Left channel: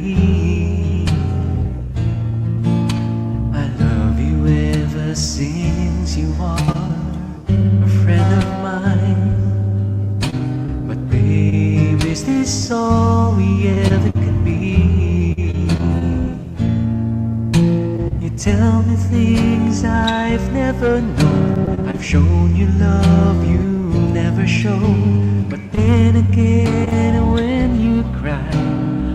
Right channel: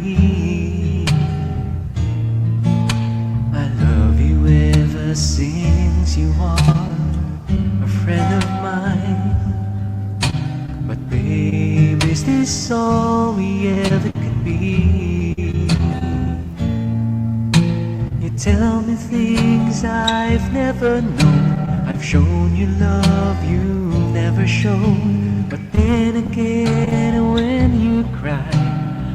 be. I love you ever since you are a friend of mine. But babe, is this all we ever could be? You tell me things I've never known. I've shown you love you never shown. But then again, when you cry,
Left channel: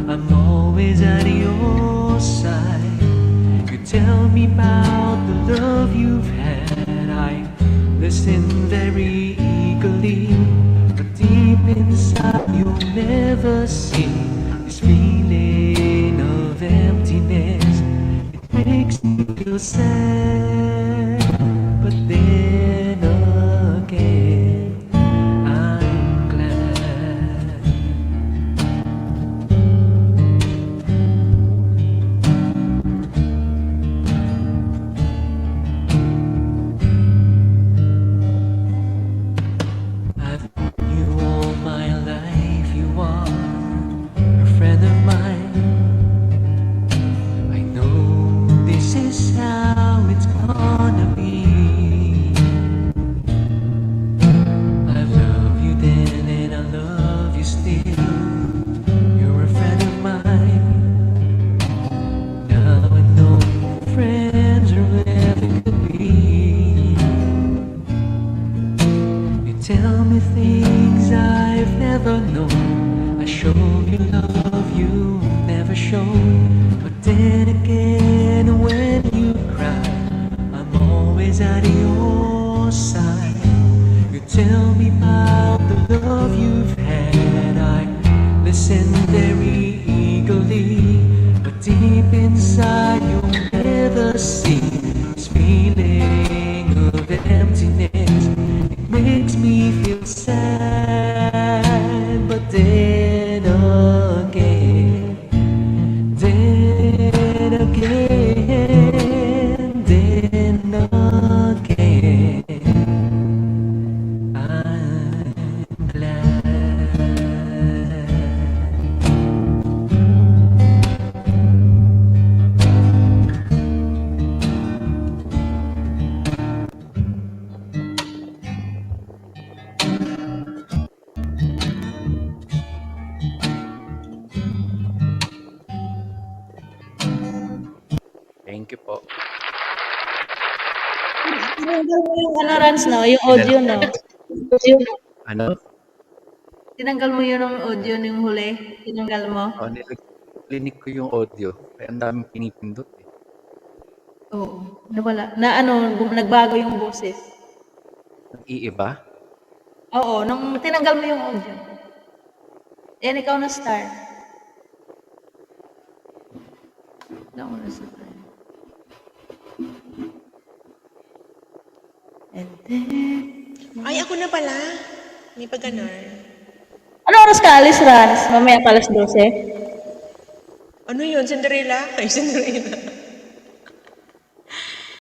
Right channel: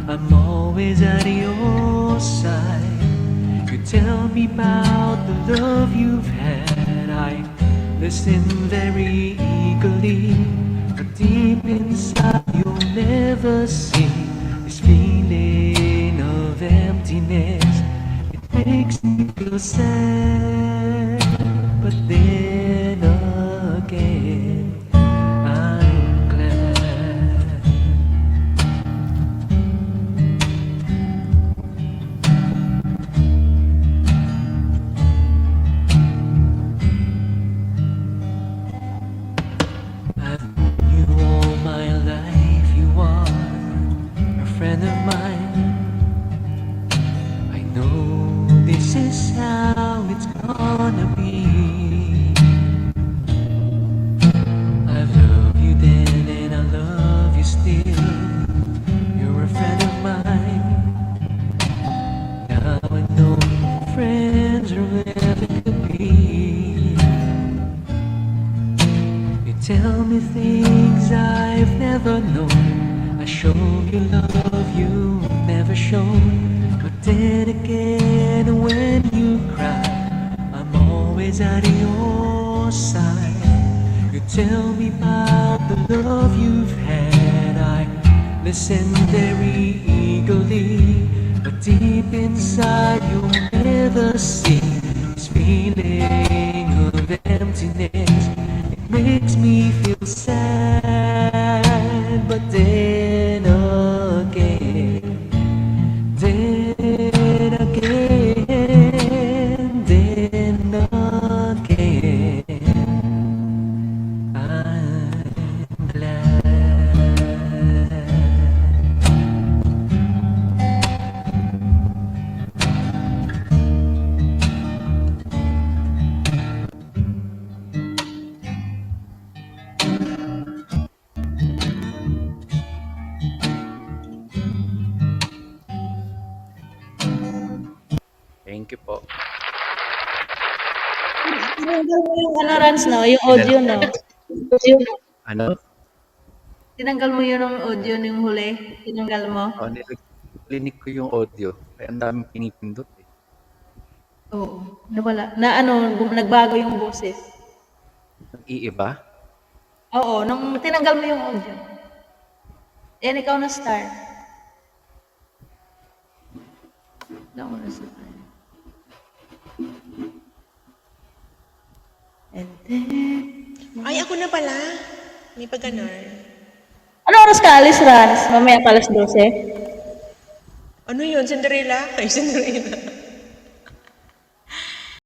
I'm always at your side. You tell me about the love you've had. I listen very eagerly, but deep inside you'll never see this feeling of emptiness. It makes me feel sad, but then again I'm glad. I've known you all my life. You are a friend of mine. I know this is how it's gonna be. I love you then and I love you still. You're a friend of mine. Now I know friends are wherever could be. You tell me things I've never known. I show you love you never shown. But then again, when you cry, I'm always at your side. You tell me about the love you've had. I listen very eagerly, but deep inside you'll never see this feeling of emptiness. It makes me feel sad, but then again, then again, then again, I'm glad. Thank you po. Tinanggal mo yung ano, Rans, no? Yung audio, no? Ano? Tinanggal mo yun ng audio yung huli. Tinanggal mo. Oh, nilinig ko yung audio. Kaya ang daming pinipindot eh. Oo. Nawala. Na ano, nagbago yung boses. Nag-iiba? Oo, nung tinanggal mo yung audio. Yan, ikaw na start. Ikaw na start. And then... Ay, ako na pala. May pa ganon. Ano oras ka alis, Rans? Mamaya pa alas 12. Ano yun? Cinderella? Ay, Cinderella.